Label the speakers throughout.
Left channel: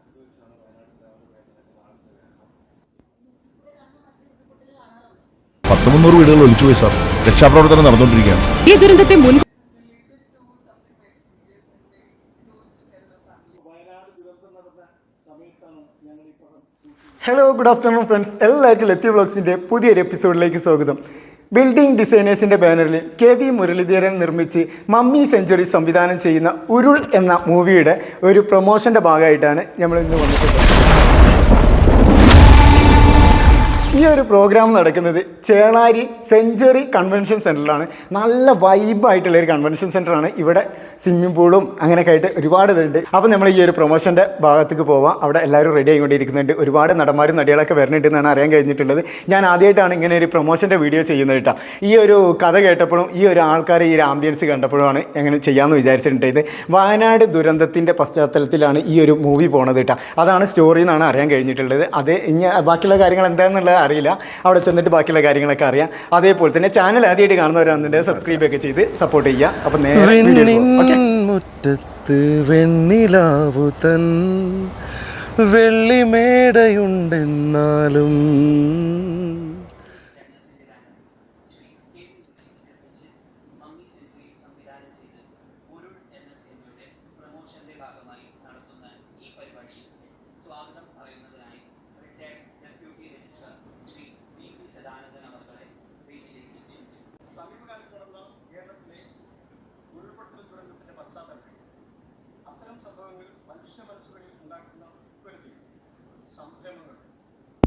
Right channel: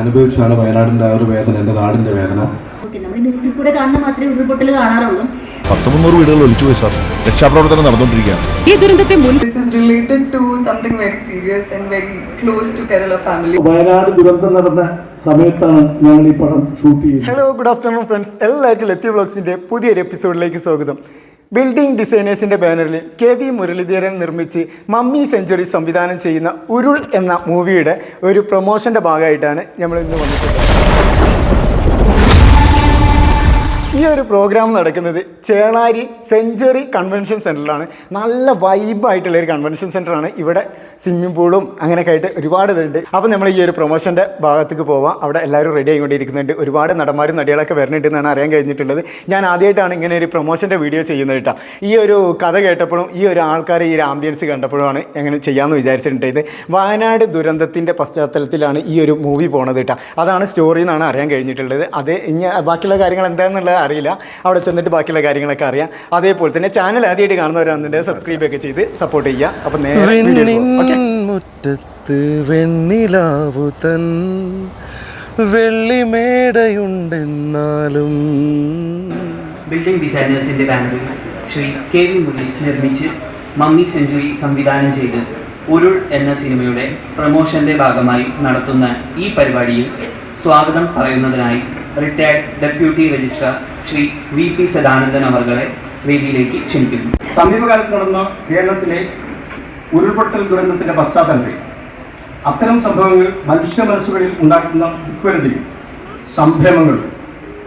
Speaker 1: അനുഭവിച്ചാണ് വയനാടിന്റെ ആ ഒരു വേദന എന്റെ നാടിന്റെ വേദന.
Speaker 2: പത്ത് മുന്നൂറ് വീടുകൾ ഒലിച്ചു പോയി സാർ. രക്ഷാപ്രവർത്തനം നടന്നുകൊണ്ടിരിക്കുകയാണ്.
Speaker 3: ഈ ദുരന്തത്തെ മുൻ
Speaker 4: വയനാട് ദുരന്തം നടന്ന സമയത്താണ് ഞങ്ങൾ ഈ പടം ഷൂട്ട് ചെയ്യുന്നത്
Speaker 5: ഹലോ ഗുഡ് ആഫ്റ്റർനൂൺ ഫ്രണ്ട്സ് എല്ലാവർക്കും ലത്തി ബ്ലോഗ്സിന്റെ പുതിയൊരു എപ്പിസോഡിലേക്ക് സ്വാഗതം. ബിൽഡിംഗ് ഡിസൈനേഴ്സിന്റെ ബാനറിൽ കെ വി മുരളീധരൻ നിർമ്മിച്ച് മമ്മി സെഞ്ചുറി സംവിധാനം ചെയ്യുന്ന ഉരുൾ എന്ന മൂവിയുടെ ഒരു പ്രൊമോഷന്റെ ഭാഗമായിട്ടാണ് നമ്മൾ ഇന്ന് വന്നിട്ടുള്ളത്. ഈ ഒരു പ്രോഗ്രാം നടക്കുന്നത് ചേളാരി സെഞ്ചുറി കൺവെൻഷൻ സെന്ററിലാണ് നല്ല വൈബായിട്ടുള്ള ഒരു കൺവെൻഷൻ സെന്ററാണ് ഇവിടെ സ്വിമ്മിംഗ് പൂളും അങ്ങനെയൊക്കെ ആയിട്ട് ഒരുപാട് ഇതുണ്ട്. അപ്പോൾ നമ്മൾ ഈ ഒരു പ്രൊമോഷന്റെ ഭാഗത്തേക്ക് പോവാം. അവിടെ എല്ലാവരും റെഡി ആയിക്കൊണ്ടിരിക്കുന്നുണ്ട്. ഒരുപാട് നടന്മാരും നടികളൊക്കെ വരുന്നുണ്ട് എന്നാണ് അറിയാൻ കഴിഞ്ഞിട്ടുള്ളത്. ഞാൻ ആദ്യമായിട്ടാണ് ഇങ്ങനെ ഒരു പ്രൊമോഷന്റെ വീഡിയോ ചെയ്യുന്നത് കേട്ടോ. ഈ ഒരു കഥ കേട്ടപ്പോഴും ഈ ഒരു ആൾക്കാർ ഈ ഒരു ആംബിയൻസ് കണ്ടപ്പോഴുമാണ് എങ്ങനെ ചെയ്യാമെന്ന് വിചാരിച്ചിട്ടുണ്ടായത്. വയനാട് ദുരന്തത്തിന്റെ പശ്ചാത്തലത്തിലാണ് ഈ ഒരു മൂവി പോണത് കേട്ടോ. അതാണ് സ്റ്റോറി എന്നാണ് അറിയാൻ കഴിഞ്ഞിട്ടുള്ളത്. അത് ഇനി ബാക്കിയുള്ള കാര്യങ്ങൾ എന്താണെന്നുള്ളത് അറിയില്ല. അവിടെ ചെന്നിട്ട് ബാക്കിയുള്ള കാര്യങ്ങളൊക്കെ അറിയാം. അതേപോലെ തന്നെ ചാനൽ ആദ്യമായിട്ട് കാണുന്നവരാണെന്നുണ്ടെങ്കിൽ സബ്സ്ക്രൈബ് ഒക്കെ ചെയ്ത് സപ്പോർട്ട് ചെയ്യുക. അപ്പം നേരെ
Speaker 6: മുറ്റത്ത് വെണ്ണിലാവു തൻ വെള്ളിമേടയുണ്ടെന്നാലും
Speaker 7: ബിൽഡിംഗ് ഡിസൈനേഴ്സിന്റെ ബാങ്കിൽ ശ്രീ കെ വി മുരളി നിർമ്മിച്ച് മമ്മി സെഞ്ചുറി സംവിധാനം ചെയ്ത് ഉരുൾ എന്ന സിനിമയുടെ പ്രൊമോഷന്റെ ഭാഗമായി നടത്തുന്ന ഈ പരിപാടിയിൽ സ്വാഗതം പറയുന്നതിനായി retired deputy registrar Sri V P Sadanandan അവർകളെ വേദിയിലേക്ക് ക്ഷണിക്കുന്നു.
Speaker 4: സമീപകാലത്ത് നടന്ന കേരളത്തിലെ ഉരുൾപൊട്ടൽ ദുരന്തത്തിന്റെ പശ്ചാത്തലത്തിൽ അത്തരം സംഭവങ്ങൾ മനുഷ്യ മനസ്സുകളിൽ ഉണ്ടാക്കുന്ന ദുഃഖരതയും സംരംഭങ്ങളും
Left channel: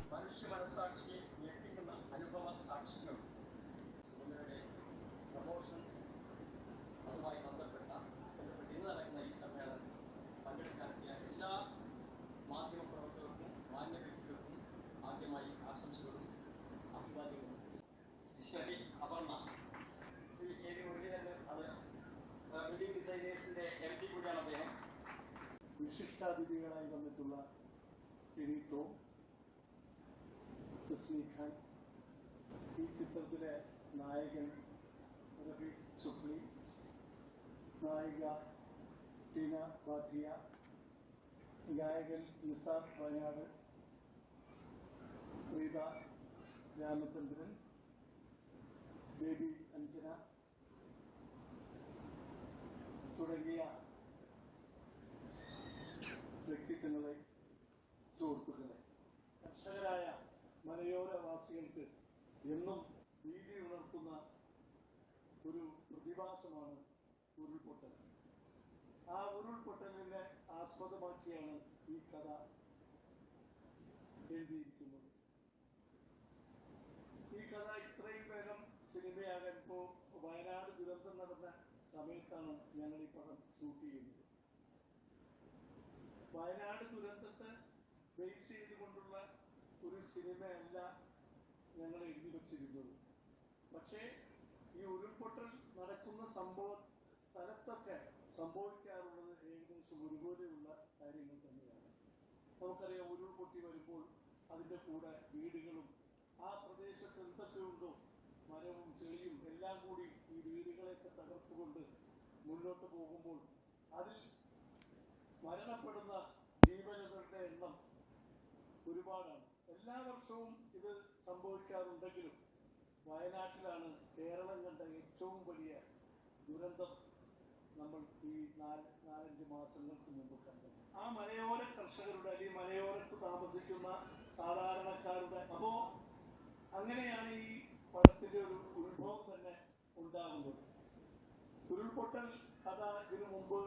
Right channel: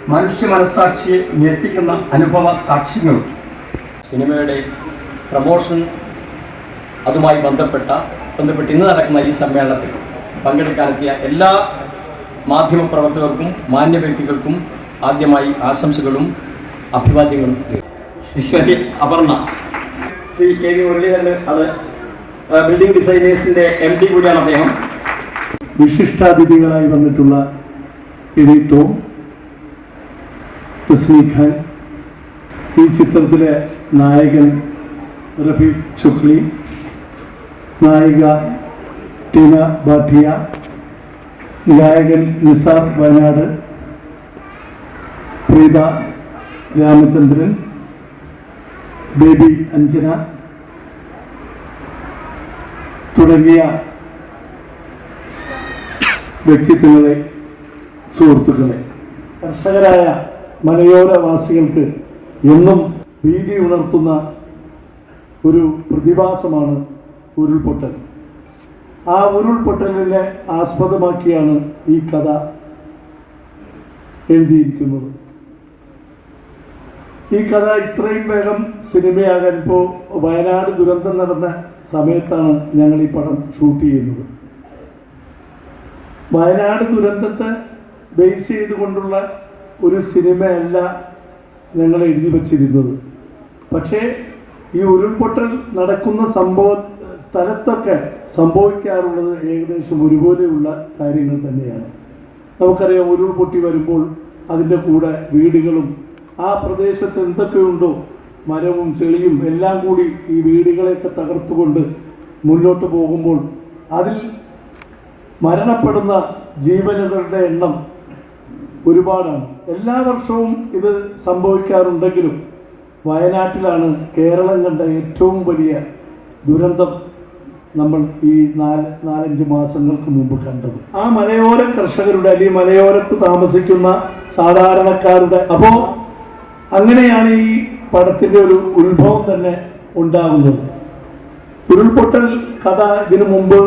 Speaker 4: മനുഷ്യ മനസ്സാക്ഷിയെ ഞെട്ടിക്കുന്ന അനുഭവ സാക്ഷ്യങ്ങളും
Speaker 8: സിനിമയുടെ പ്രമോഷൻ അതുമായി ബന്ധപ്പെട്ട ബന്ധപ്പെട്ട് ഇന്ന് നടക്കുന്ന ഈ സമ്മേളനത്തിൽ പങ്കെടുക്കാനെത്തിയ എല്ലാ മാധ്യമപ്രവർത്തകർക്കും മാന്യ വ്യക്തികൾക്കും ആദ്യമായി ആശംസകളും അഭിവാദ്യങ്ങളും
Speaker 4: ശ്രീ അപർണ. ശ്രീ കെ വി മുരളീധരൻ അത് ബിൽഡിംഗ് ഡിസൈനേഴ്സിന്റെ എം ഡി കൂടിയാണ് അദ്ദേഹം. വിശിഷ്ടാതിഥികളായി വന്നിട്ടുള്ള എഡി ടോം തസ്മീർ ഖാൻ ഈ ചിത്രത്തിലെ നായകൻ റഫീഖ് ചുക്ലി നായിക ടീന ബാഠിയ ഗായകൻ നിസാർ വയനാട് പ്രീത രാമചന്ദ്രൻ ബേബി അഞ്ജന തുടങ്ങിയ വ്യക്തിത്വങ്ങളെ സുഹൃത്തുക്കളെ. കർഷകരായ മലയോരവാസികൾക്ക് എന്നും ഭീതി ഉണർത്തുന്ന ഒരു പ്രതിഭാസമാണ് ഉരുൾപൊട്ടൽ. ആ ഉരുൾപൊട്ടലിനെ ആസ്പദമാക്കിയാണ് ഈ കഥ എഴുതിയിരിക്കുന്നത്. ഈ കഥ ഇത്രയും വേഗം സിനിമയാകാൻ ഇപ്പോൾ വയനാട് ദുരന്തം നടന്ന സമയത്താണ് ഞങ്ങൾ ഈ പടം ഷൂട്ട് ചെയ്യുന്നത്. വയനാട് ദുരന്തത്തെ ബേസ് ചെയ്തുകൊണ്ടുള്ള ഒരു സിനിമയല്ല ഞങ്ങൾ എഴുതി വച്ചിരുന്നത്. പക്ഷേ ഈ ഉരുൾപൊട്ടൽ നടക്കുന്ന സംഭവ സ്ഥലത്തൊക്കെ സംഭവിക്കാറുള്ളത് ഏകദേശം ഒരുപോലെയുള്ള കാര്യങ്ങൾ തന്നെയാണ്. നമുക്കറിയാം ഉരുൾപൊട്ടി വരുമ്പോൾ അതിന്റെ കൂടെ വീടുകളും ആ പ്രദേശത്ത് എന്തൊക്കെയുണ്ടോ മരവും ചെളിയും എല്ലാം കൂടി ഈ വീടുകളെയൊക്കെ തകർത്തുകൊണ്ട് മുന്നോട്ട് പോകുമ്പോൾ അതിൽ മരണപ്പെടുന്ന ജീവനുകളുടെ എണ്ണം ഒരുപാടാണ്. എല്ലാ വർഷവും ഇത് സംഭവിക്കാറുണ്ടെങ്കിലും വയനാട്ടിലാണ് കേരളം കണ്ട ഏറ്റവും വലിയ ദുരന്തം നമ്മൾ ഈ നാല് നാലഞ്ച് മാസങ്ങൾക്ക് മുമ്പ് കണ്ടത്. ആ മലയോര കർഷകരുടെ അല്ലെങ്കിൽ മലയോരത്ത് താമസിക്കുന്ന സാധാരണക്കാരുടെ അപ്പോ അങ്ങനെയാണ് ഈ പടത്തിന്റെ ഒരു ഉത്ഭവം തന്നെ ഉണ്ടാകുന്നത്. ഉരുൾപൊട്ടൽ കഥ ഇതിനു മുമ്പ്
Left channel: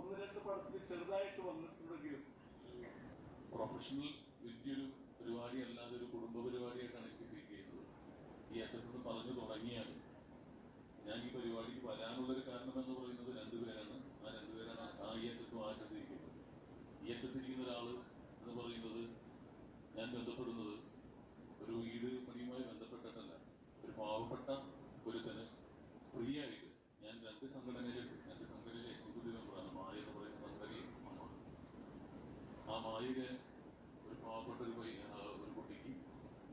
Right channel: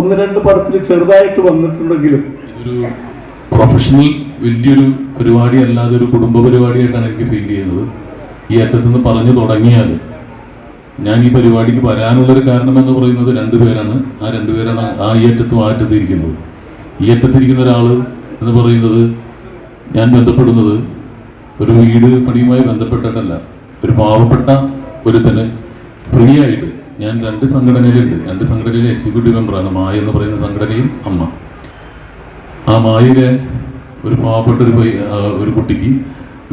Speaker 4: ഒന്ന് രണ്ട് പടത്തിൽ ചെറുതായിട്ട് വന്നിട്ടുണ്ടെങ്കിലും
Speaker 9: ഒരു പ്രൊഫഷണൽ വലിയൊരു പരിപാടി അല്ലാതെ ഒരു കുടുംബ പരിപാടിയായിട്ടാണ് എനിക്ക് ഫീൽ ചെയ്യുന്നത്. ഈ അറ്റത്ത് നിന്ന് പറഞ്ഞു തുടങ്ങിയാൽ ഞാൻ ഈ പരിപാടിക്ക് വരാനുള്ളൊരു കാരണം എന്ന് പറയുന്നത് രണ്ടുപേരാണ് ആ രണ്ടുപേരാണ് ആ ഈ അറ്റത്തും ആ അറ്റത്തും ഇരിക്കുന്നത്. ഈ അറ്റത്തിരിക്കുന്ന ഒരാൾ എന്ന് പറയുന്നത് ഞാൻ ബന്ധപ്പെടുന്നത് ഒരു വീട് പണിയുമായി ബന്ധപ്പെട്ടിട്ടല്ല ഒരു പാവപ്പെട്ട ഒരുത്തന് ഫ്രീ ആയിട്ട് ഞാൻ രണ്ട് സംഘടനയിലുണ്ട്. രണ്ട് സംഘടനയിലെ എക്സിക്യൂട്ടീവ് മെമ്പറാണ് മായ എന്ന് പറയുന്ന സംഘടനയും അമ്മ. ആ മായിലെ ഒരു പാവപ്പെട്ട ഒരു ഒരു കുട്ടിക്ക്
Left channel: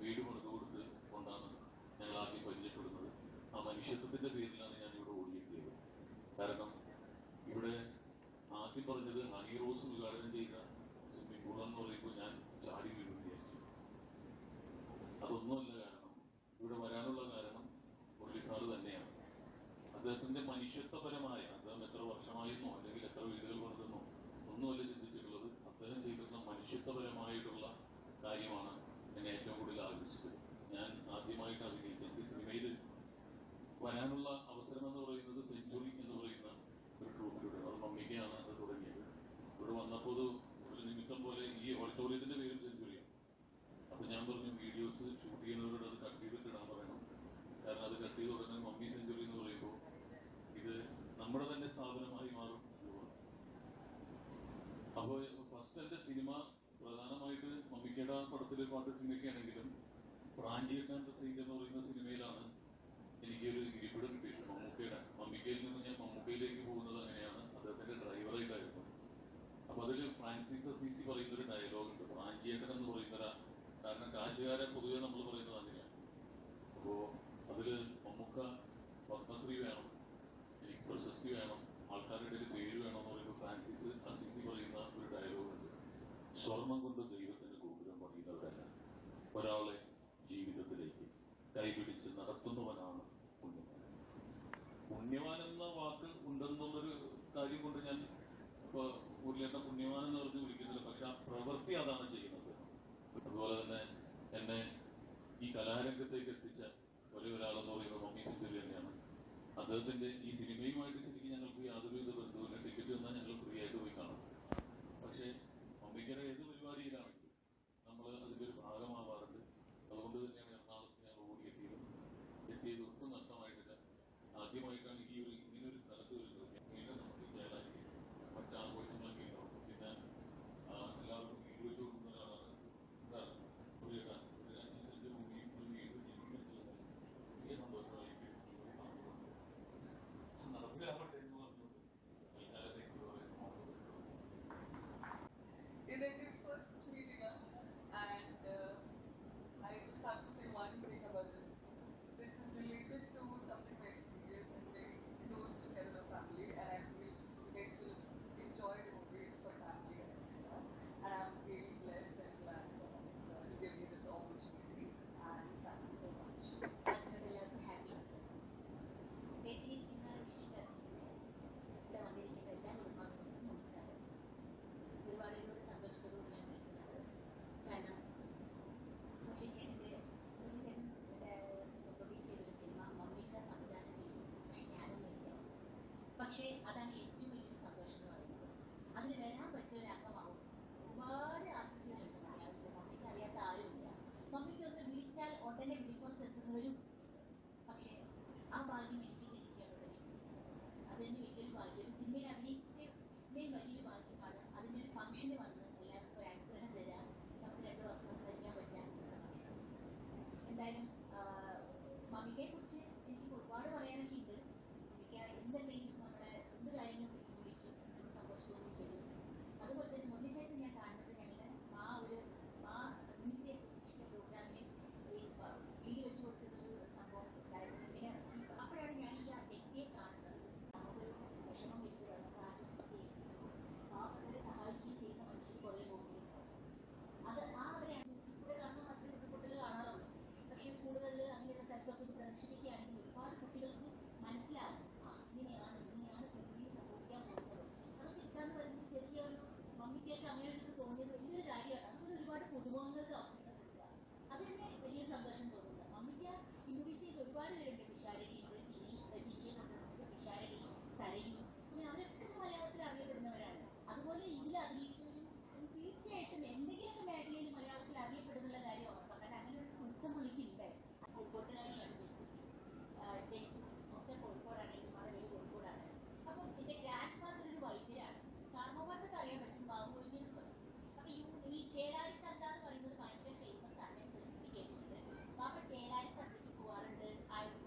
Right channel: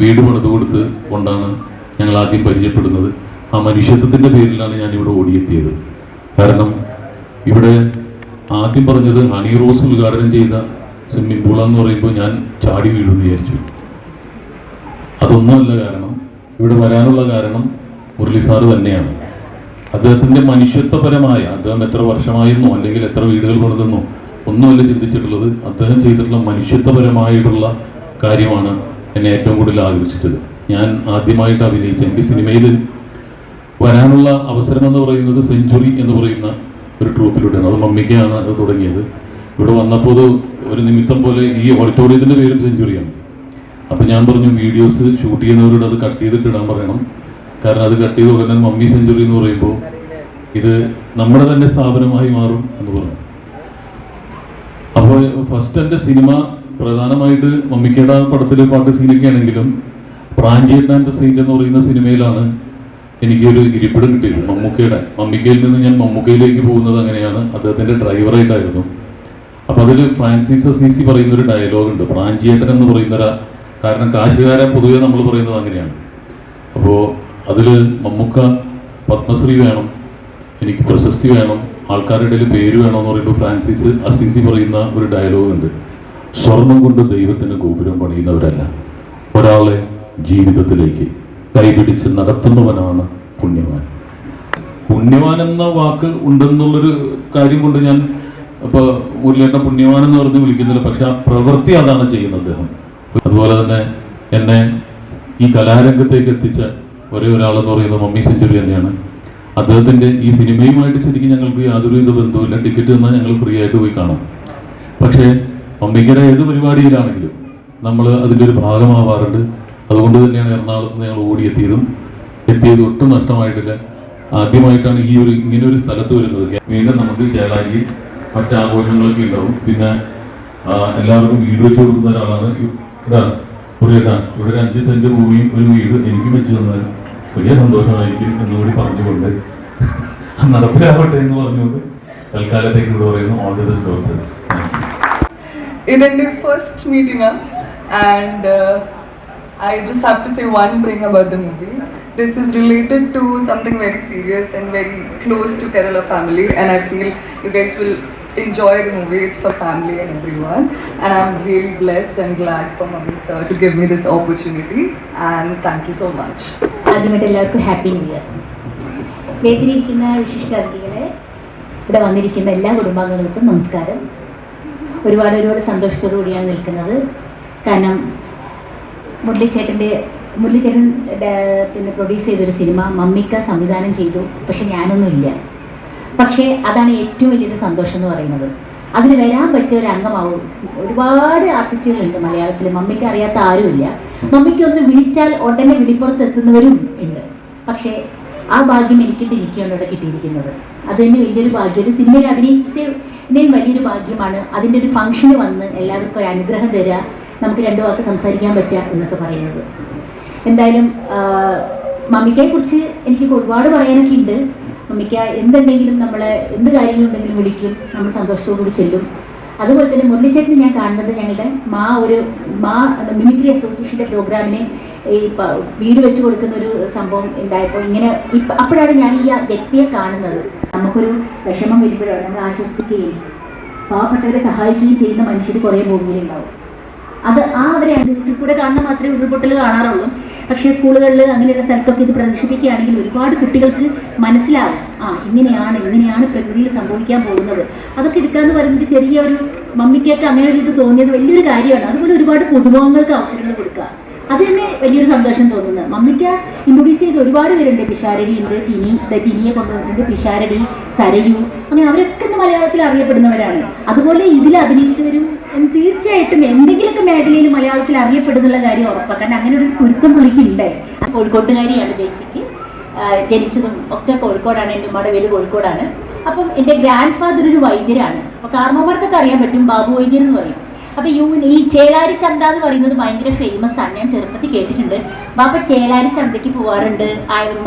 Speaker 9: വീട് പണിത് കൊടുത്ത് കൊണ്ടാണ് ഞങ്ങൾ ആദ്യം പരിചയപ്പെടുന്നത്. ആ മനുഷ്യത്വത്തിന്റെ പേരിലാണ് ഞാൻ ഇവിടെ ഓടിയെത്തിയത്. കാരണം ഇവിടെ ആദ്യം പറഞ്ഞത് ഹണി റോസ് ഉദ്ഘാടനം ചെയ്ത സ്വിമ്മിംഗ് എന്ന് പറയുമ്പോൾ ഞാൻ ചാടി വീഴുമെന്ന് വിചാരിച്ചു. അതൊന്നുമല്ല കാരണം ഇവിടെ വരാനുള്ള കാരണം മുരളി സാറ് തന്നെയാണ്. അദ്ദേഹത്തിന്റെ മനുഷ്യത്വപരമായ അദ്ദേഹം എത്ര വർഷമായിരുന്നോ അല്ലെങ്കിൽ എത്ര വീടുകൾ പണിതെന്നോ ഒന്നുമല്ല ചിന്തിച്ചിട്ടുള്ളത് അദ്ദേഹം ചെയ്തിട്ടുള്ള മനുഷ്യത്വപരമായിട്ടുള്ള കാര്യമാണ് എന്നെ ഏറ്റവും കൂടുതൽ ആകർഷിച്ചത്. ഞാൻ ആദ്യമായിട്ട് അഭിനയിച്ച എനിക്ക് സിനിമയിൽ വരാനുള്ള അവസരം എന്ന് പറയുന്നത് സെഞ്ചുറി എന്ന് പറയുന്ന ഒരു ട്രൂപ്പിലൂടെയാണ്. അത് മമ്മിക്കാണ് അത് തുടങ്ങിയത്. ഇവിടെ വന്നപ്പോൾ ഒരു നിമിത്തം പോലെ ഈ ഓഡിറ്റോറിയത്തിന്റെ പേരും സെഞ്ചുറിയാണ്. അപ്പോൾ ഞാൻ പറഞ്ഞു വീഡിയോസ് ഷൂട്ട് ചെയ്യുന്നവരോട് അത് കട്ട് ചെയ്തിട്ട് ഇടാൻ പറയണം. കാരണം അത് കട്ട് ചെയ്ത് ഉടനെ മമ്മി സെഞ്ചുറി എന്ന് പറയുമ്പോൾ ഇത് നമ്മുടെ തന്നെ സ്ഥാപനമായി മാറും എന്ന് പറഞ്ഞു. അപ്പോൾ ഫസ്റ്റ് എന്റെ സിനിമ പ്രധാനമായിട്ട് മമ്മിക്കേട പടത്തിലെ പാട്ട് സീനൊക്കെ ആണെങ്കിലും പ്രാഞ്ചിയൻ ആൻഡ് എന്ന് പറയുന്ന സിനിമയിലാണ് എനിക്കൊരു ഇരിപ്പിടം കിട്ടിയത് മമ്മൂക്കയുടെ. മമ്മിക്കയിൽ നിന്ന് ഞാൻ മമ്മൂക്കയിലേക്ക് പോകുന്നത് അങ്ങനെയാണ്. അദ്ദേഹത്തിന്റെ ഡ്രൈവറായിട്ടായിരുന്നു. അപ്പോൾ അതിൽ ഫ്രാൻസിസ് അസീസി പറയുന്ന ഒരു ഡയലോഗുണ്ട്. പ്രാഞ്ചിയേട്ടൻ എന്ന് പറയുന്ന ഒരു കാരണം കാശുകാരെ പൊതുവെ നമ്മൾ പറയുന്നത് അങ്ങനെയാണ്. അപ്പോൾ അതിൽ മമ്മൂക്ക പത്മശ്രീ വേണം എനിക്ക് പ്രശസ്തി വേണം ആൾക്കാരുടെ ഇടയിൽ പേര് വേണം എന്ന് പറയുമ്പോൾ ഫ്രാൻസിസ് അസീസി പറയുന്ന ഒരു ഡയലോഗുണ്ട്. സ്വർണം കൊണ്ട് ദൈവത്തിന് ഗോപുരം പണിയുന്നവരല്ല. ഒരാളെ ജീവിതത്തിലേക്ക് കൈപിടിച്ച് നടത്തുന്നവനാണ് പുണ്യവാൻ. പുണ്യവാൻ എന്ന വാക്ക് ഉണ്ടെന്നുള്ളൊരു കാര്യം കൊണ്ട് ഞാൻ ഇപ്പോൾ മുരളിയേട്ടൻ പുണ്യവാൻ എന്ന് പറഞ്ഞ് വിളിക്കുന്നില്ല. പക്ഷെ ആ പ്രവൃത്തി അതാണ് ചെയ്യുന്നത് അദ്ദേഹം. അതുപോലെ തന്നെ എന്നെ ഈ കലാരംഗത്തേക്ക് എത്തിച്ച ഒരേ ഒരാളെന്ന് പറയുന്നത് മമ്മി സെഞ്ചുറി തന്നെയാണ്. അദ്ദേഹത്തിന്റെ ഈ സിനിമയുമായിട്ട് ശരിക്കും ഞങ്ങൾക്ക് യാതൊരുവിധ ബന്ധവുമില്ല. ടിക്കറ്റ് തന്നാൽ ഞങ്ങൾ ഫ്രീ ആയിട്ട് പോയി കാണാം. പക്ഷേ മമ്മിക്കര ഏത് പരിപാടിയിലാണെങ്കിലും നമ്മൾ അതിന്റെ ഒരു ഭാഗമാവാറുണ്ട്. അതുകൊണ്ട് തന്നെയാണ് എറണാകുളത്ത് ഞങ്ങൾ ഓടിയെത്തിയതും എത്തിയത് ഒട്ടും നഷ്ടമായിട്ടില്ല. ആദ്യമായിട്ടാണ് ഈ ഒരു ഇങ്ങനെ ഒരു സ്ഥലത്ത് വരുന്നത്. വീണ്ടും നമുക്ക് ചേളാരിയിൽ മറ്റ് ആഘോഷങ്ങളൊക്കെ ഉണ്ടാവും. പിന്നെ എല്ലാവർക്കും വീട് വെച്ച് കൊടുക്കുന്ന ഒരാളാണ് ഇതാണ് ഇതാണ് പുള്ളിയേട്ടാ ഇവിടെ ഒരു അഞ്ച് സെന്റ് ഭൂമിയും ഒരു വീട് എനിക്ക് വെച്ച് തന്നാൽ വലിയ സന്തോഷമായിരിക്കും എന്നുകൂടി പറഞ്ഞുകൊണ്ട് നടപ്പിലാവട്ടെ എന്ന് പറഞ്ഞുകൊണ്ട് തൽക്കാലത്തേക്ക് ഇവിടെ പറയുന്നു. ഓൾ ദി ബെസ്റ്റ്
Speaker 3: ഇതെന്റെ first meeting and I just have to say one thing about the movie. This is related to something very serious and very close to Kerala family, and I feel you guys will enjoy the movie. It's for family and everyone, and I'm really blessed and glad for Mummy sir to give me this opportunity. And thank you so much.
Speaker 10: ആദ്യമായിട്ട് എല്ലാവർക്കും happy new year വേദിയിലിരിക്കുന്ന വിശിഷ്ടാതിഥികളെ ഇവിടെ വന്നിരിക്കുന്ന എല്ലാ കുടുംബാംഗങ്ങൾക്കും നമസ്കാരം ഒരുപാട് ഒരുപാട് സന്തോഷത്തോടു കൂടിയാണ് നിൽക്കുന്നത് കാരണം മുരളിച്ചേട്ടന്റെ മുരളിച്ചേട്ടൻ പിന്നെ പ്രൊഡ്യൂസ് ചെയ്തൊരു സിനിമ മമ്മിക്ക സംവിധാനം ചെയ്തു. പക്ഷെ ഞാനൊന്നുമില്ല പക്ഷേ അതാണ് ഏറ്റവും വലിയൊരു സന്തോഷം എന്ന് പറയുന്നത്. അതിന് വരാൻ പറ്റിയ ഒരു അംഗമാവും ഒരുപാട് ആർട്ടിസ്റ്റുകളുണ്ട് മലയാളത്തിൽ. മമ്മിക്ക് അറിയാത്ത ആരുമില്ല മമ്മിക്ക് ഒന്ന് വിളിച്ചാൽ ഉടനെ വിളിപ്പുറത്ത് എത്തുന്നവരും ഉണ്ട്. പക്ഷേ ആ ഭാഗ്യം എനിക്കിട്ട് എനിക്കാണ് ഇവിടെ കിട്ടിയിരിക്കുന്നത്. അത് തന്നെ വലിയൊരു ഭാഗ്യം. ഒരു സിനിമയിൽ അഭിനയിച്ചതിന്റെയും വലിയൊരു ഭാഗ്യമാണ്. അതിന്റെ ഒരു ഫംഗ്ഷന് വന്ന് എല്ലാവർക്കും ഒരു അനുഗ്രഹം തരിക നമുക്ക് രണ്ടു വാക്ക് സംസാരിക്കാൻ പറ്റുക എന്നൊക്കെ പറയുന്നത്. എന്തായാലും മമ്മിക്കയെ കുറിച്ച് എനിക്ക് ഒരുപാട് പറയാനൊക്കെ ഉണ്ട്. മമ്മിക്ക എന്തുണ്ടെങ്കിലും നമ്മളെ എന്ത് കാര്യങ്ങളുണ്ടെങ്കിലും വിളിക്കും. നമ്മൾ സന്തോഷത്തോടുകൂടി ചെല്ലും. അതുപോലെ തന്നെ മുരളിച്ചേട്ടനെ ഞാൻ കാണുന്നത് ഞങ്ങളുടെ മാ ഒരു മാ മിമിക്രി അസോസിയേഷന്റെ പ്രോഗ്രാമിന് ഈ വീട് വെച്ച് കൊടുക്കുന്ന ഒരു സംഭവം ഉണ്ടായപ്പോൾ ഇങ്ങനെ ഇപ്പം അപ്പോഴാണ് ഞാൻ ഈ വ്യക്തിയെ കാണുന്നത്. നമുക്കൊരു വിഷമം വരുമ്പോഴാണ് നമ്മൾ ആശ്വസിപ്പിക്കുകയും പാവപ്പെട്ടവരെ സഹായിക്കുകയും ചെയ്യുന്ന മനുഷ്യർ കുറേ ഭൂമിയിലുണ്ടാവും. അത് ആ അവരെ ന്യൂസിൽ കൂടെ കാണുന്ന മാത്രമേ ഉരുൾപൊട്ടൽ കാണാറുള്ളൂ. പക്ഷേ സ്കൂളുകളിൽ അങ്ങനെയുള്ള സ്ഥലത്തൊക്കെ ഇത് പ്രദർശിപ്പിക്കുകയാണെങ്കിൽ ഒരുപാട് കുട്ടികൾക്ക് മനസ്സിലാവും. ആ ഇങ്ങനെയാണ് ഇങ്ങനെയാണ് പ്രകൃതിയിൽ സംഭവിക്കാൻ പോകുന്നത്. അതൊക്കെ എടുക്കാന്ന് പറയുന്നത് ചെറിയ ഒരു മമ്മിക്കൊക്കെ അങ്ങനെ ഒരു ഇത് തോന്നിയത് വലിയൊരു കാര്യമാണ്. അതുപോലെ ഒരുപാട് പുതുമുഖങ്ങൾക്ക് അവസരങ്ങൾ കൊടുക്കുക. അത് തന്നെ വലിയൊരു സന്തോഷം തോന്നുന്നത്. മമ്മിക്ക ഇൻട്രൊഡ്യൂസ് ചെയ്ത് ഒരുപാട് പേരുണ്ട്. പിഷാരടി ഉണ്ട് ടിനി ടിനിയെ കൊണ്ടുവന്നിട്ടുണ്ട് പിഷാരടി സരയു അങ്ങനെ അവരൊക്കെ മലയാളത്തിൽ അറിയപ്പെടുന്നവരാണ്. അതുപോലെ ഇതിൽ അഭിനയിച്ചവരും തീർച്ചയായിട്ടും എന്തെങ്കിലുമൊക്കെ മേഖലയിൽ മലയാളത്തിൽ അറിയപ്പെടുന്നുള്ള കാര്യം ഉറപ്പാക്കാൻ അങ്ങനെ ഒരു കുരുത്തം പുള്ളിക്കുണ്ട് കോഴിക്കോട്ടുകാരിയാണ് ബേസിക്ക് ജനിച്ചതും ഒക്കെ കോഴിക്കോടാണ് എന്റെ ഉമ്മയുടെ വീട് കോഴിക്കോടാണ്. അപ്പം എന്റെ ഗ്രാൻഡ് ഫാദർ ഒരു വൈദ്യരാണ്. അപ്പോൾ കാർമ്മമാർക്കൊക്കെ അറിയാൻ പറ്റും ബാബു വൈദ്യർ എന്ന് പറയും. അപ്പോൾ യു ഈ ചേലാരി ചന്ത എന്ന് പറയുന്നത് ഭയങ്കര ഫേമസ് ആണ്. ഞാൻ ചെറുപ്പത്തിൽ കേട്ടിട്ടുണ്ട്. ബാപ്പ ചേലാരി ചന്തയ്ക്ക് പോകാറുണ്ട്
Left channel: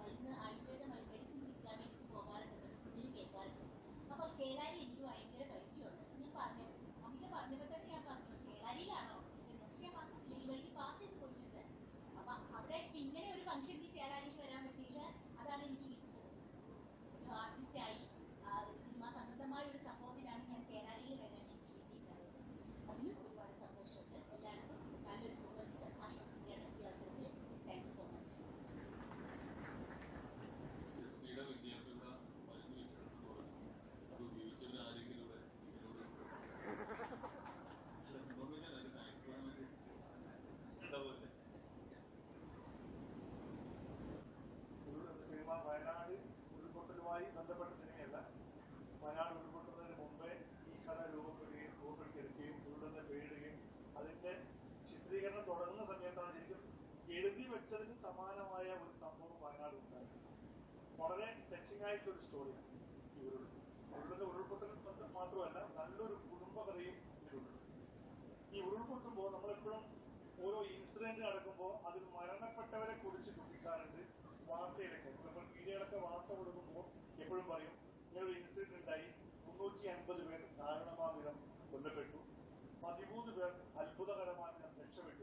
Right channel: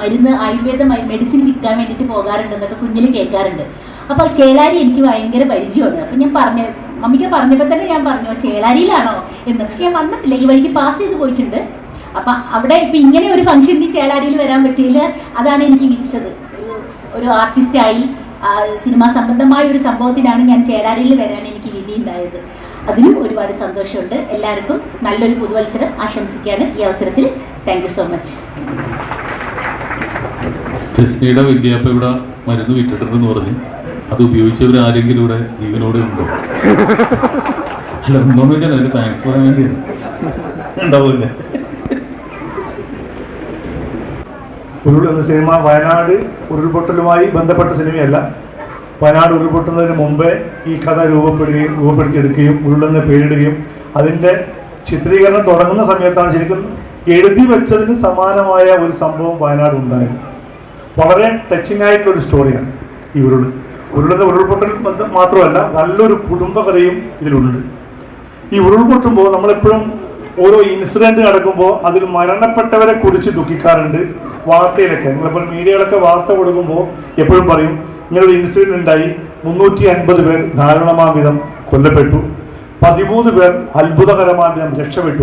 Speaker 10: മരുന്ന് ആയുർവേദ മെഡിസിൻ വിൽക്കാൻ വേണ്ടിയിട്ട് പോകാറുണ്ട് എന്നൊക്കെ കുഞ്ഞിൽ കേൾക്കാറുണ്ട്. അപ്പോൾ ചേലാരി എനിക്ക് ഭയങ്കര പരിചയമാണ്. അപ്പം ഞാൻ പറഞ്ഞു മമ്മിക്ക് പറഞ്ഞപ്പോൾ തന്നെ ഞാൻ പറഞ്ഞു ചേലാരിയിലാണോ എന്ന്. പക്ഷെ ഞാൻ വന്നിട്ടില്ല ഈ വഴിക്ക് പാസ് ചെയ്ത് പോയിട്ടുണ്ട്. അപ്പം അവിടെ ഇപ്പം ഇങ്ങനെ ഒരു ഫംഗ്ഷനിൽ ചേലാരിയിൽ വരാൻ പറ്റിയില്ല അതാണ് എനിക്ക് വിധിച്ചത്. ഒരു ഒരു ആർട്ടിസ്റ്റായി സിനിമാ സംബന്ധമായ ഒരു സംഭവത്തിനാണ് ഞാൻ ചേലാരിയിൽ വരാൻ എനിക്ക് വിധി ഉണ്ടായത് അതിനും ഒരുപാട് സന്തോഷമുണ്ട്. എല്ലാവർക്കും നല്ലൊരു പുതുവത്സരം ആശംസിക്കുകയാണ് ഈ അവസരത്തിൽ. താങ്ക് സോ മച്ച്
Speaker 9: കൃഷ്ണയുടെ വിദ്യാഭ്യാസ ഇവിടെ മരുന്ന് വിറ്റിട്ടുണ്ടെന്ന് പറഞ്ഞ്. അത് ഉപയോഗിച്ചവർ ആരെങ്കിലും ഇവിടെ ജീവനോടെ ഉണ്ടോ? അല്ല ഒന്നോന്ന് വെച്ചാൽ അതിന് താങ്ക്സ് പറയാൻ വേണ്ടിയാണ്. ഉണ്ടാവില്ലേ?
Speaker 11: ഉരുൾ എന്ന സിനിമ വയനാട് ഉരുൾപൊട്ടലുമായി ബന്ധപ്പെട്ട സിനിമയല്ല. വയനാട് ഉരുൾപൊട്ടുന്നതിന് മുമ്പേ ഈ കഥ രൂപപ്പെടുകയും രൂപപ്പെടുത്തിയെടുക്കുകയും ഉരുളെന്ന് പേരിടുകയും അതിന്റെ ചിത്രീകരണം തുടങ്ങുന്ന സമയത്താണ് ശരിക്കും എഴുതി വെച്ചതിന് സമാനമായ ഒരു സംഭവം വയനാട് ഉണ്ടായത്. വളരെ ടച്ചിങ് ആയിട്ടുള്ള ഒരു സ്റ്റോറിയാണ് ഈ ഉരുൾ ഉരുളുന്ന ഉരുൾപൊട്ടൽ മത- മാത്രമല്ല നല്ലൊരു കുടുംബകഥയും ഇതിലുണ്ട്. ഈ ഉരുൾപൊട്ടുമ്പോൾ നമ്മളെപ്പോഴും ഓരോ ഇൻസിഡന്റ് നടക്കുമ്പോൾ അതിൽ മരണപ്പെട്ടവരെ കുറിച്ച് ദുഃഖിക്കാറുണ്ട് വാർത്തയിലൊക്കെ. നിങ്ങളിപ്പോൾ മീഡിയകളൊക്കെ വാർത്ത കൊടുക്കുമ്പോൾ എപ്പോഴും പറയും ഇങ്ങനൊരു ഇൻസിഡന്റ് ഉണ്ടായി മുന്നൂറ്റി അൻപത് പേർ ധാരണമാം വിധം കൊല്ലപ്പെട്ടു. പതിമൂന്ന് പേർ അത്ഭുതകരമായി നാം രക്ഷപ്പെട്ടു.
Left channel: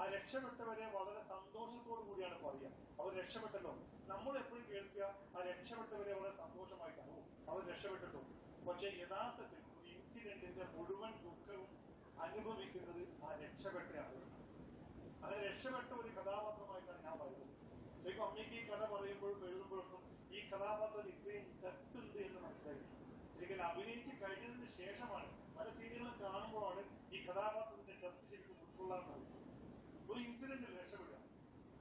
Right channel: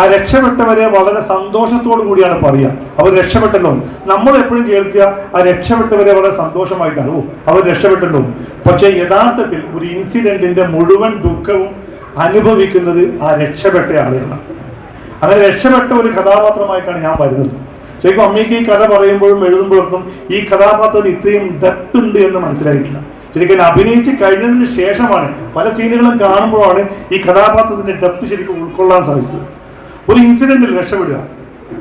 Speaker 11: ആ രക്ഷപ്പെട്ടവരെ വളരെ സന്തോഷത്തോടു കൂടിയാണ് പറയുക. അവർ രക്ഷപ്പെട്ടല്ലോ. നമ്മൾ എപ്പോഴും കേൾക്കുക ആ രക്ഷപ്പെട്ടവരെ വളരെ സന്തോഷമായിട്ടാണ്. അവർ രക്ഷപ്പെട്ടല്ലോ. പക്ഷേ യഥാർത്ഥത്തിൽ ഒരു ഇൻസിഡന്റിന്റെ മുഴുവൻ ദുഃഖവും അനുഭവിക്കുന്നത് ആ രക്ഷപ്പെട്ട ആളുകളാണ്. അങ്ങനെ രക്ഷപ്പെട്ട ഒരു കഥാപാത്രമായിട്ടാണ് ഞാൻ വരുന്നത്. ശരിക്കും അമ്മയ്ക്ക് ഈ കഥ പറയുമ്പോഴും എഴുതുമ്പോഴൊന്നും ഈ കഥാപാത്രത്തിന് ഇത്രയും ഡെപ്ത് ഉണ്ട് എന്ന് മനസ്സിലായിട്ടില്ല. ശരിക്കും അഭിനയിച്ച് കഴിഞ്ഞതിന് ശേഷമാണ് പല സീനുകളും കാണുമ്പോഴാണ് ഈ കഥാപാത്രത്തിന്റെ ഡെപ്ത് ശരിക്കും ഉൾക്കൊള്ളാൻ സാധിച്ചത്. ഒരു ഇൻസിഡന്റിൽ രക്ഷപ്പെടുക.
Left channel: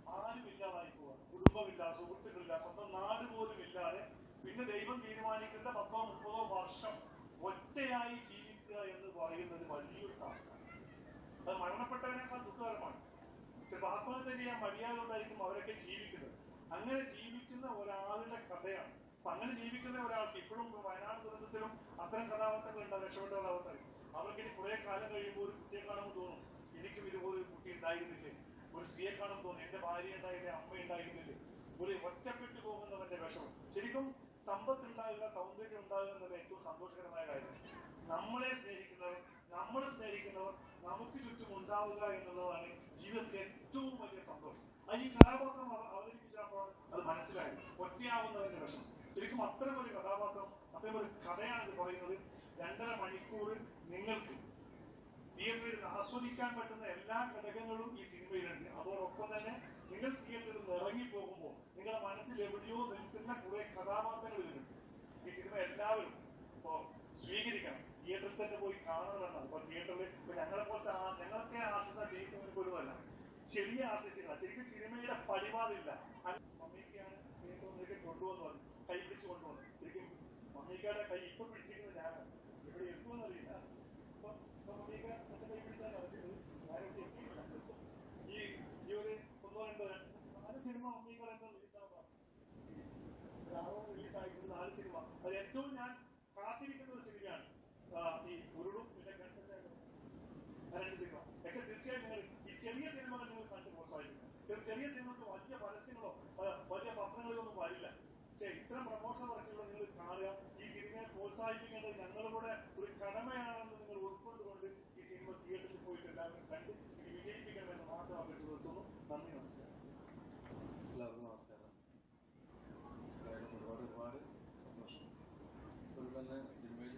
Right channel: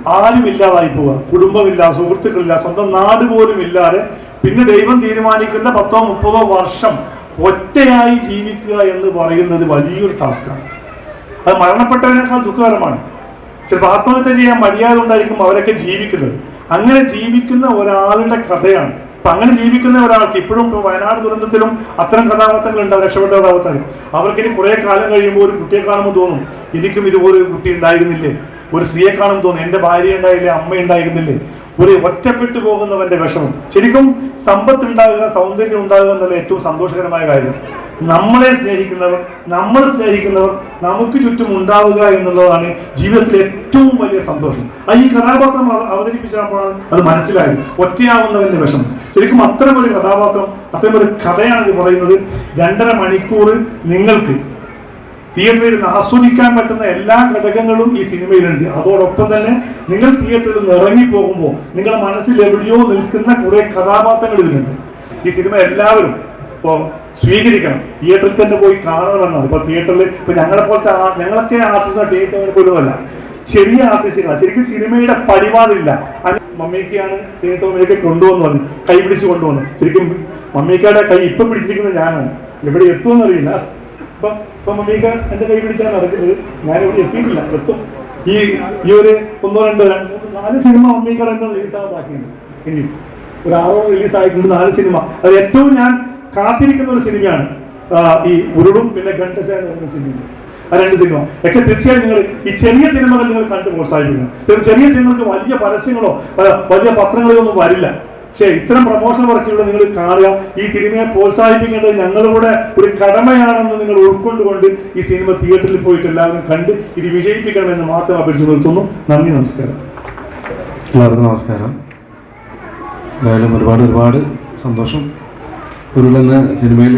Speaker 11: ആരും ഇല്ലാതായി പോവുക. കുടുംബമില്ല സുഹൃത്തുക്കളില്ല സ്വന്തം നാട് പോലും ഇല്ലാതെ പിന്നെ ദൈവം തീരുമാനിക്കുന്ന പത്തോ മുപ്പതോ വർഷം ഒറ്റയായി ജീവിക്കുക എന്ന് പറയുന്നത് വലിയൊരു ടാസ്ക്കാണ് അത് മരണപ്പെട്ടവനേക്കാൾ ദുഃഖകരമാണ്. ചിലപ്പോൾ ആത്മഹത്യ ചെയ്യാൻ മര്യാദ ഉണ്ടായിരിക്കും അവരൊക്കെ ജീവിക്കുന്നത്. അങ്ങനെ ജീവിക്കുന്ന ഒരാളുടെ കഥയാണ് അപ്പൊ അങ്ങനെ ജീവിക്കുന്ന ഒരാൾക്ക് ഇപ്പോഴും ഇപ്പൊ വയനാട് ദുരന്തത്തിലും അത്തരം കഥാപാത്രങ്ങൾ ഉണ്ടാവും രക്ഷപ്പെട്ട കഥാപാത്രങ്ങൾ അവർക്കിനി കുറെ കാലം കഴിയുമ്പോൾ ഒരു കുട്ടിയെ കാണുമ്പോൾ തോന്നും എനിക്കും ഇതുപോലെ ഒരു കുട്ടി ഉണ്ടായിരുന്നില്ലേ? ഒരു സ്ത്രീയെ കാണുമ്പോൾ തോന്നും എന്റെ ഭാര്യ ഉണ്ടായില്ലേ അമ്മ ഉണ്ടായിരുന്നില്ലേ ഒരു ഒറ്റപ്പെട്ടു പോകുന്നവന്റെ വിഷമം. ശരിക്കും സമ്പത്ത് ഉണ്ടാകുക സൗന്ദര്യം ഉണ്ടാകുക എന്നുള്ള ഏറ്റവും സന്തോഷകരമായ കാര്യം. നമ്മളെ സ്നേഹിക്കുന്നവർ നമ്മൾ സ്നേഹിക്കുന്നവർ നമുക്ക് ചുറ്റും ഉണ്ടാവുക എന്നുള്ളതാണ് ജീവിതത്തിലെ ഏറ്റവും വലിയ സന്തോഷം. ആ ഈ കഥാപാത്രം അവ- അവതരിപ്പിച്ചപ്പോഴാണ് അത് മനസ്സിലായത്. ഒറ്റയാവുന്നവന്റെ വിഷമം. ശരിക്കും അത്തരമൊരു കഥാപാത്രം അത്തരമൊരു കഥയാണ് ഇത് പറയുന്നത്. രണ്ടര മണിക്കൂർ നിങ്ങൾക്ക് തിയേറ്ററിൽ ആസ്വദിക്കാൻ പറ്റുന്ന എല്ലാ ഘടകങ്ങളും ഈ സിനിമയിലുണ്ട്. അതോടൊപ്പം തന്നെ നിങ്ങൾ തിയേറ്ററിൽ നിന്ന് ഇറങ്ങിപ്പോകുമ്പോൾ നിങ്ങളുടെ മനസ്സിൽ എവിടെയോ നിൽക്കുന്ന കുറെ കഥാപാത്രങ്ങൾ ഇതിലുണ്ട്. ഈ സിനിമ എല്ലാവരും ഇപ്പോൾ സ്വീകരിക്കണം. തിയേറ്ററിൽ തന്നെ പോയി കാണണമെന്നാണ്. ഇപ്പോൾ തിയേറ്ററിൽ ഇപ്പോൾ ഞങ്ങളെ പോലത്തെ ഞങ്ങളൊക്കെ ആർട്ടിസ്റ്റ് തിയേറ്ററിൽ പോലുമല്ല ചെറിയ ആർട്ടിസ്റ്റുകളാണ്. ശരിക്കും സിനിമയുടെ പടിവാതില്ല അങ്ങനെ തിയേറ്റർ തിയേറ്ററിലേക്ക് കൊണ്ടുവന്നു വന്നു കൈ പിടിച്ച് കൊണ്ടുവന്നു. ശരിക്കും മമ്മയ്ക്കയുടെ കൈ ഇപ്പൊ പിടിച്ചിരിക്കുന്നത് ഞാനാണ്. എവിടെ എത്തുമെന്നറിയില്ല ഇപ്പൊ ഇപ്പൊ മമ്മീക്ക കൈ പിടിച്ചാണ് നടക്കുന്നത് ഞാൻ ഇവിടെ എത്തിയിട്ടില്ല. എത്തും. ഈ ഈ ഒരു ഒന്നോ രണ്ടോ നാല് സിനിമ മമ്മീക്കട എന്ന റിലീസാകാക്കിയിട്ടുണ്ട് ഇനി. ഒരു ആറോ റിലീസ് ആയിട്ടുണ്ട് നാല് സിനിമ. അത് ഏറ്റവും ഞാൻ കാത്തിരിക്കുന്ന ഒരു സിനിമയാണ്. ഈ ഉരുളും പിന്നെ ഗണ്ടശ എന്ന് പറയുന്ന സിനിമ. ആ രണ്ട് സിനിമ. ഒക്കെ തീർച്ചയായും നിങ്ങൾ ഈ ചെറിയ സിനിമകൾ നിങ്ങൾ കണ്ട് പ്രോത്സാഹിപ്പിക്കണം ചെറിയ സിനിമകൾക്ക് വലിയ പരസ്യങ്ങളോ വലിയ പത്രങ്ങളോ ഒന്നും വരില്ല. പക്ഷേ ഇത്തരം പ്രൊമോഷൻ വർക്കുകൾ നിങ്ങൾ കാണുക. ഈ സിനിമയെ പ്രോത്സാഹിപ്പിക്കേണ്ടത് ഞങ്ങളുടെ ഒരു കടമയാണെന്ന് നിങ്ങൾ ഉൾക്കൊണ്ടുകൊണ്ട് ഈ സിനിമ തിയേറ്ററിൽ പോയിട്ട് എല്ലാവരും കണ്ട് ഇത് വിജയിപ്പിക്കണമെന്ന് മാത്രം അപേക്ഷിച്ച് നിർത്തുന്നു. നന്ദി നമസ്കാരം.
Speaker 1: എല്ലാവർക്കും നമസ്കാരം. എന്തായാലും ഒരുപാട് ഒരുപാട് സന്തോഷം. ഉരുളെന്ന സിനിമയിൽ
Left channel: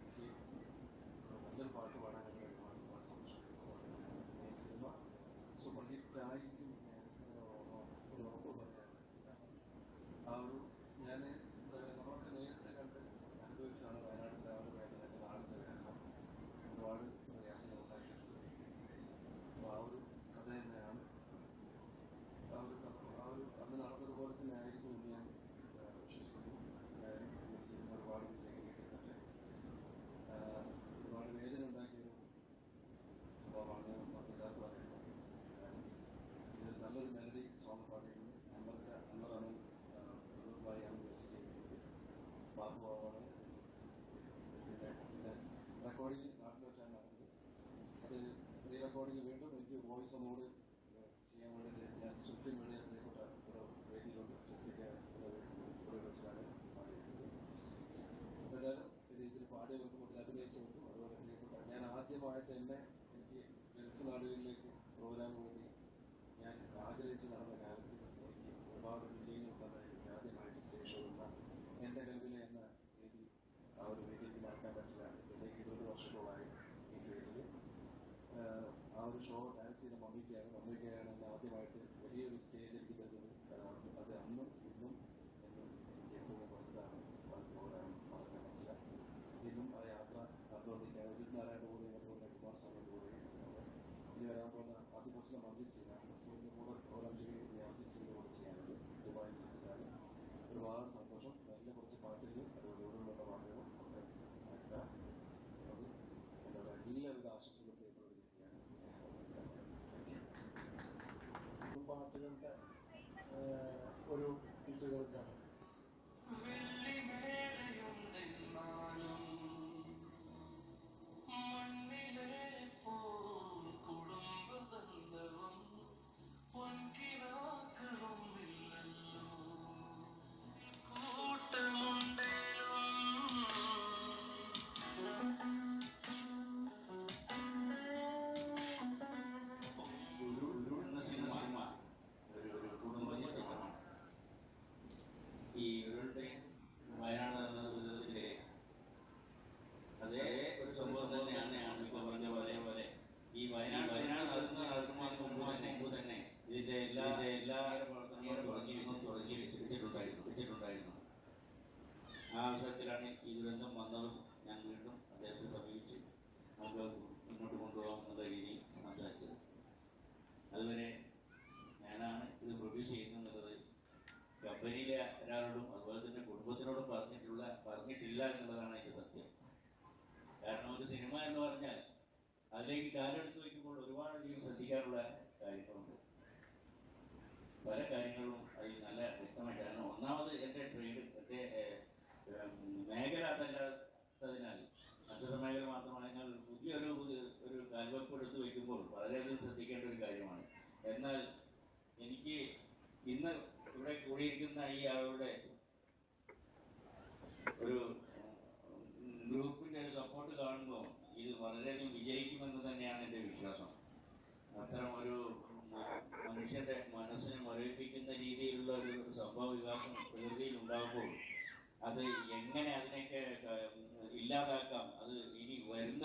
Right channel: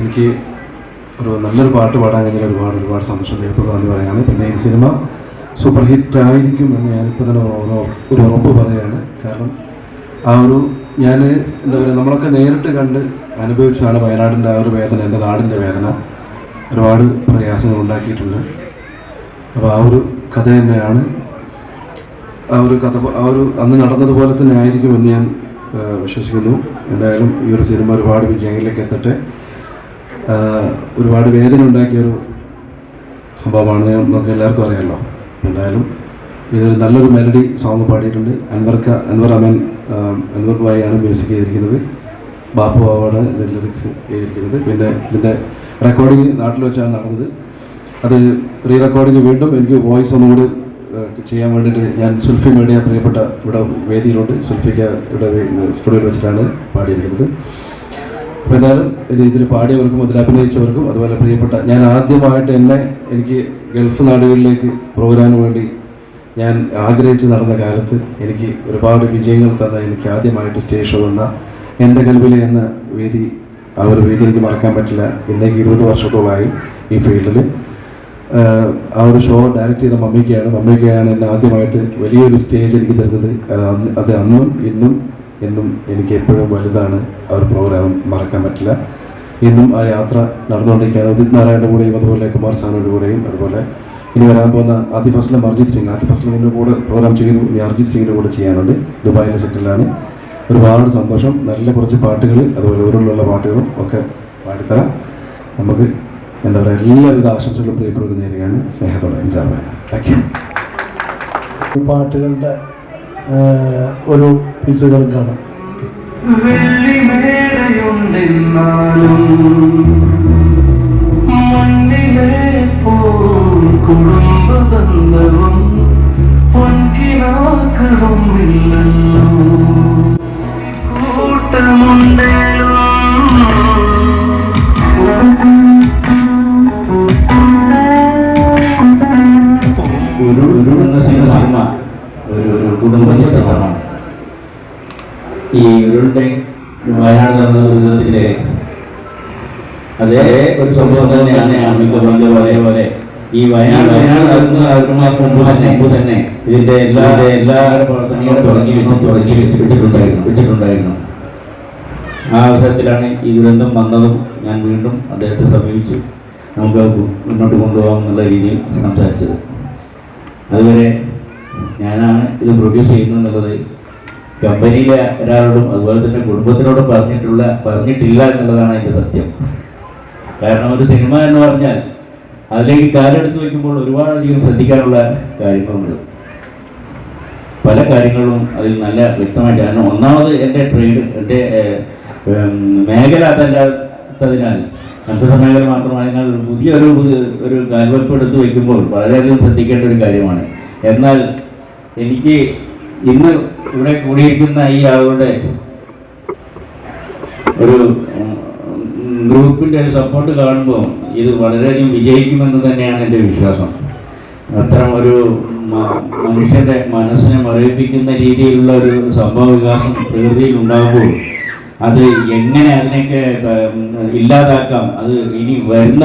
Speaker 1: എനിക്ക് ഒരു നല്ലൊരു പാട്ട് പാടാൻ കഴിഞ്ഞാൽ ഒരുപാട് ഒരുപാട് സന്തോഷം ദൈവത്തോട് നന്ദി പറയാണ് പിന്നെ ഈ സിനിമ സൂപ്പർ ഹിറ്റ് ആയിരിക്കും എന്ന് ഞാനിപ്പോൾ തന്നെ ഒരു ഉറപ്പ് പറയുകയാണ്. കാരണം ആ ഒരു ഞാൻ എന്താ പറയുക നമ്മളൊക്കെ നേരിട്ട് കണ്ട് അനുഭവിച്ചതാണ് വയനാടിന്റെ ആ ഒരു വേദന എന്റെ നാടിന്റെ വേദന. ഒരുപാട് പ്രയാസങ്ങൾ ഉണ്ടാക്കിയിട്ടുണ്ട്. അപ്പോൾ ആ ഒരു കഥ തന്നെയാണ്. ആ ഒരു കഥ ആ ഒരു അന്ന് നടന്നതുപോലെ തന്നെ ആയിരിക്കും എന്ന് ഞാൻ വിശ്വസിക്കുന്നു. എന്തായാലും ഈ ഒരു സിനിമ ഒരുപാട് വിജയങ്ങളിലേക്ക് എത്തട്ടെ. ഒരുപാട് വേദന ഉണ്ടാക്കിയൊരു സംഭവമാണ് നമുക്ക് എല്ലാവർക്കും അറിയാമല്ലോ എന്തായാലും ഇത് നല്ലൊരു മെലഡി സോങ് പാടിയിട്ടുണ്ട്. അൻവർക്ക അൻവർ അമൻ ആ, അൻവർ ഭായിയാണ് മ്യൂസിക് ചെയ്തിരിക്കുന്നത്. ബാപ്പു ബാബാണ് ഇതിന്റെ ലിറിക്സ് ചെയ്തിരിക്കുന്നത്. പിന്നെ ഇതിന്റെ റെക്കോർഡിങ് നാട്ടിൽ വെച്ചാണ് നടന്നത്. അത് റീ റെക്കോർഡിങ് വീണ്ടും എനിക്ക് വോയിസ് ഒന്നുകൂടി കൂടി ചെയ്യാൻ വേണ്ടിയിട്ട് ഞാൻ സുൽഫി മീഡിയ പ്രിയപ്പെട്ട ഇവിടെ വേദിയിലുണ്ട്. സുൽഫിക്ക് ഇവിടെ സ്റ്റുഡിയോയിൽ വെച്ചിട്ടാണ് പാടിയിരിക്കുന്നത്. അപ്പോൾ എന്തായാലും ഇത് ഇതിൽ പാടിയവർക്കും അതിൽ അഭിനയിച്ചവർക്കും അതുപോലെ പ്രിയപ്പെട്ട ഞാൻ ആദ്യമായിട്ട് എന്നെ എനിക്ക് ഗൾഫ് നാടുകളിലേക്ക് പ്രോഗ്രാമിന് വേണ്ടി ഞാൻ ആഗ്രഹിച്ച് നടന്ന കാലത്ത് എനിക്ക് ഒരുപാട് വിജയങ്ങൾ തന്ന എനിക്ക് ആദ്യമായിട്ട് സ്റ്റേജ് ഷോ എന്റെ കൽവിലെ എന്ന വേദി ആ ഒരു വേദി എനിക്ക് മറക്കാൻ പറ്റില്ല. ഇന്നേക്ക് ഇരുപത് വർഷത്തോളമായി ഈ ഫീൽഡിൽ. ആ ഒരു ഷോ ഡയറക്റ്റ് ചെയ്ത മമ്മിക്കയാണ് മമ്മിക്കയാണ് എന്നെ ആദ്യമായിട്ട് വലിയൊരു സ്റ്റേജ് എനിക്ക് തരുന്നത്. അത് അന്ന് ഇന്നും എന്നും എനിക്ക് എപ്പോഴും വലുതാണ്. ആ ഒരു പ്രോഗ്രാം മറക്കാൻ പറ്റില്ല. ഇന്നും ആ യാത്ര നടന്നുകൊണ്ടിരിക്കുകയാണ്. ഉദിത് നാരായണന്റെ കൂടെയും അതുപോലെ കുമാർ സാനുവിന്റെ കൂടെയും അതുപോലെ ഇനി വരാൻ പോകുന്ന ആദിഫ് അസ്ലം അർജിത് സിംഗ്. ആദിഫ് അസ്ലമിന്റെ കൂടെ പ്രോഗ്രാം ചെയ്തു. ഇനി അർജിത് സിംഗിന്റെ കൂടെ ചെയ്യാനുണ്ട്. ദുബായിലെ സെറ്റിലാണ് ഒരുപാട് സന്തോഷം. നല്ല കുറച്ച് പാട്ടുകൾ അതുപോലെ ഓരോന്നുള്ള പാട്ടുകളും ഒക്കെ പാടിത്തരാം. നമുക്ക് എന്താ പറയുക എല്ലാവിധ ആശംസകളും പ്രിയപ്പെട്ടവർക്ക് നേരുകയാണ്. സ്നേഹത്തോടെ നിസാർ താങ്ക് യു
Speaker 11: പാട്ടുകളുടെ ആ, ബന്ധവും പൊൻകിനാക്കളും ഇല്ലല്ലോ.
Speaker 12: ഒരു രീതിയിൽ സംസാരിച്ചത്. അതുവരെ ഞാനാണ് ഇത് പ്രൊഡ്യൂസ് ചെയ്യുന്നത് എന്നുള്ളത് കമ്പനിയിലെ ഒരാളോടും അതുപോലെ തന്നെ കുടുംബത്തിനോടും പറഞ്ഞിട്ടുള്ള പറഞ്ഞിട്ടില്ല എന്നുള്ളതാണ് അതിന്റെ സത്യം. കാരണം ഒരു സിനിമ എന്ന് പറഞ്ഞാൽ അതിലേക്ക് കാലെടുത്ത് വയ്ക്കുമ്പോൾ ഒരുപാടധികം ശ്രദ്ധിക്കാനുള്ള കാര്യങ്ങളുണ്ട്. പല കാര്യങ്ങളും അതിൽ നല്ല വ്യക്തമായിട്ട് കാരണം ഒന്നാമത് എന്റെ ട്രേഡ് എന്റെ മേഖല അതല്ലാത്തതിനാൽ കൺസ്ട്രക്ഷൻ മത്സ്യസമ്മേളനം മാത്രമായതിനാൽ പുതിയൊരു പുതിയ- ഒരു കാൽവെപ്പ് എടുത്തു വയ്ക്കുമ്പോൾ വളരെയധികം ശ്രദ്ധിക്കേണ്ട ഒരു കാര്യമാണ്. എന്നാൽ എനിക്ക് ഇന്ന് ഇവിടെ കൂടിയിരിക്കുന്ന ഈ ആളുകളുടെ ഒരു ഗ്രൂപ്പിന്റെ ഒരു സപ്പോർട്ട് കാണുമ്പോൾ ഇത് വളരെയധികം വിജയിക്കുമെന്ന് തന്നെയാണ് എന്റെ വിശ്വാസം. അത്തരം ഒരു മനുഷ്യന്റെ മനസ്സിനെ മറിയിപ്പിക്കുന്ന രീതിയിലുള്ള ഒരു സംഭവ വികാസം പ്രകൃതിയിൽ ഉണ്ടാകുമ്പോൾ അത് എങ്ങനെ അതിനെയൊക്കെ ഇല്ലാതാക്കാം അത് ഇനി വരുന്ന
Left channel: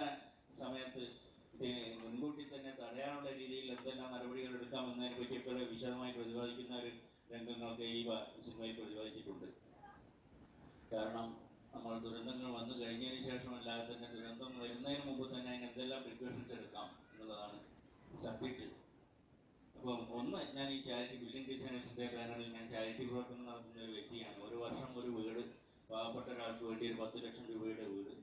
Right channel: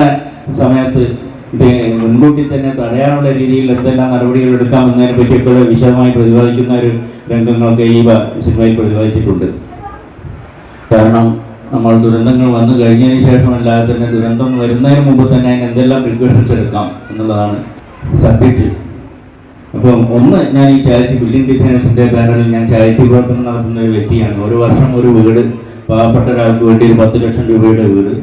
Speaker 12: സമയത്ത് ഇത് മുൻകൂട്ടി തന്നെ തടയാനുള്ള രീതിയിൽ എന്തെല്ലാം നടപടികൾ എടുക്കാം എന്നതിനെ പറ്റിയൊക്കെ വിശദമായി പ്രതിപാദിക്കുന്ന ഒരു രംഗങ്ങളൊക്കെ ഈ സിനിമയിൽ പ്രതിപാദിച്ചിട്ടുണ്ട്. കാരണം നമ്മൾ ദുരന്തങ്ങൾ വന്നു കഴിഞ്ഞതിന് ശേഷമല്ലാതെ തന്നെ ദുരന്തം വരുന്നതിന് മുമ്പ് തന്നെ അതിന് എന്തെല്ലാം പ്രിക്കോഷൻസ് എടുക്കാം എന്നുള്ളതാണ് സബ്ജക്റ്റ് അപ്പം ഒന്ന് ഞാൻ ഈ ചാരിറ്റി ബിൽഡിംഗ് ഡിസൈനേഴ്സിന്റെ ബാനറിൽ ഞാൻ ചാരിറ്റി പ്രവർത്തനം നടത്തുന്ന ഒരു വ്യക്തിയാണ്. ഒരു വർഷം ഒരു വീട് പാവപ്പെട്ട ഒരാൾക്ക് വേണ്ടി ഒരു പത്ത് ലക്ഷം രൂപയുടെ വീട്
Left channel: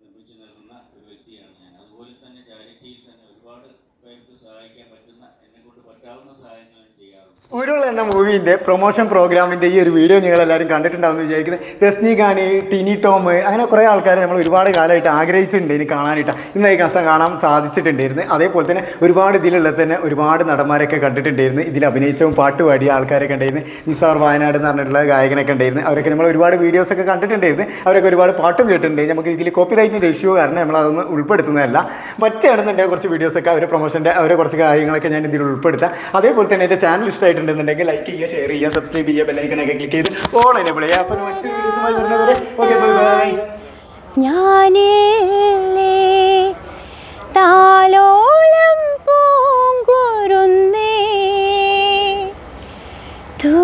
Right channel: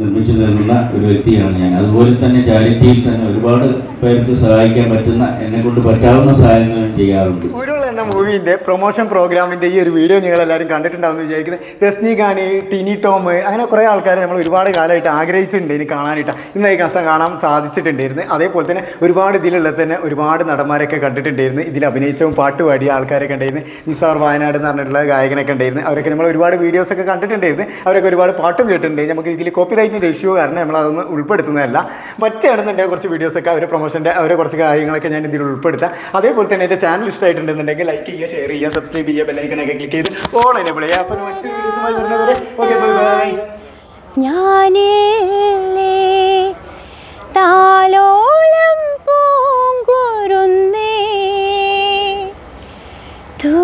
Speaker 12: നിർമ്മിച്ചു നൽകുന്ന ഒരു വ്യക്തിയാണ് ഞാൻ. അതുപോലെ തന്നെ ചാരിറ്റിയിൽ തന്നെ ഒരുപാട് പേർക്ക് സഹായിക്കാൻ പറ്റുന്ന എന്നെ കൊണ്ട് പറ്റാവുന്ന സഹായങ്ങൾ ചെയ്യാറുണ്ട്.
Speaker 5: ഉരുൾ എന്ന മൂവിന്റെ പ്രൊമോഷൻ പ്രോഗ്രാമിന്റെ ഈ ഒരു വീഡിയോ നിങ്ങൾ എല്ലാവരും കണ്ടിട്ടുണ്ടാവുമെന്ന് വിചാരിക്കുന്നത് ദസ്നി ഖാന് ടിനി ടോം അങ്ങനെ കുറേ ആൾക്കാരെ നമ്മൾ ഒരുപാട് കാലമായിട്ട് ആഗ്രഹിച്ചിട്ടുണ്ട് ഇനി കാണാനായിട്ട് ഇന്ന് ഈ കസം കാണാൻ സാധിച്ചിട്ടുണ്ടായിരുന്നു. അതേപോലെ തന്നെ ഒരുപാട് ഇതിലുള്ള തന്നെ ഒരുപാട് നടന്മാരൊക്കെ കണ്ടിട്ടുണ്ടായിരുന്നു. ഇതിൽ അഭിനയിച്ചവും പാട്ട് പാടിയ ആൾക്കാരൊക്കെ ഉണ്ടായിരുന്നു. നിസാർ വയനാട് എന്ന് പറഞ്ഞിട്ടുള്ള ഗായകനൊക്കെ ഉണ്ടായിരുന്നു. അവരൊക്കെ നമ്മൾ ഒരുപാട് വീഡിയോസൊക്കെ കണ്ടിട്ടുണ്ടായിരുന്നു. അവരൊക്കെ ഒരുപാട് പാട്ടും കേട്ടിട്ടുണ്ട്. നമുക്ക് ഇതിൽ കോപ്പി റൈറ്റിന്റെ ഇഷ്യൂ കാരണം നമ്മൾ അതൊന്നും ഉൾപ്പെടുത്തുന്നതല്ല പറ്റുകയാണെന്നുണ്ടെങ്കിൽ കുറച്ച് വീഡിയോസൊക്കെ അവരെ കോഴ്സിന്റെ അവരെ കുറച്ച് കാര്യങ്ങളൊക്കെ ഞാൻ ഇതിൽ ഉൾപ്പെടുത്താം. അതേപോലെ തന്നെ എന്റെ ചാനൽ ഇഷ്ടമായിട്ടുണ്ടെന്നുണ്ടെങ്കിൽ ലൈക്ക് ചെയ്യുക ഷെയർ ചെയ്യുക സബ്സ്ക്രൈബ് ചെയ്യുക ബെല്ലൈക്കണൊക്കെ ക്ലിക്ക് ചെയ്ത് ഓൾ എനേബിൾ ചെയ്യുക ബൈ ബൈ
Speaker 13: ഞാനേ താലോളം പൂങ്കുരുന്നേ. തൂ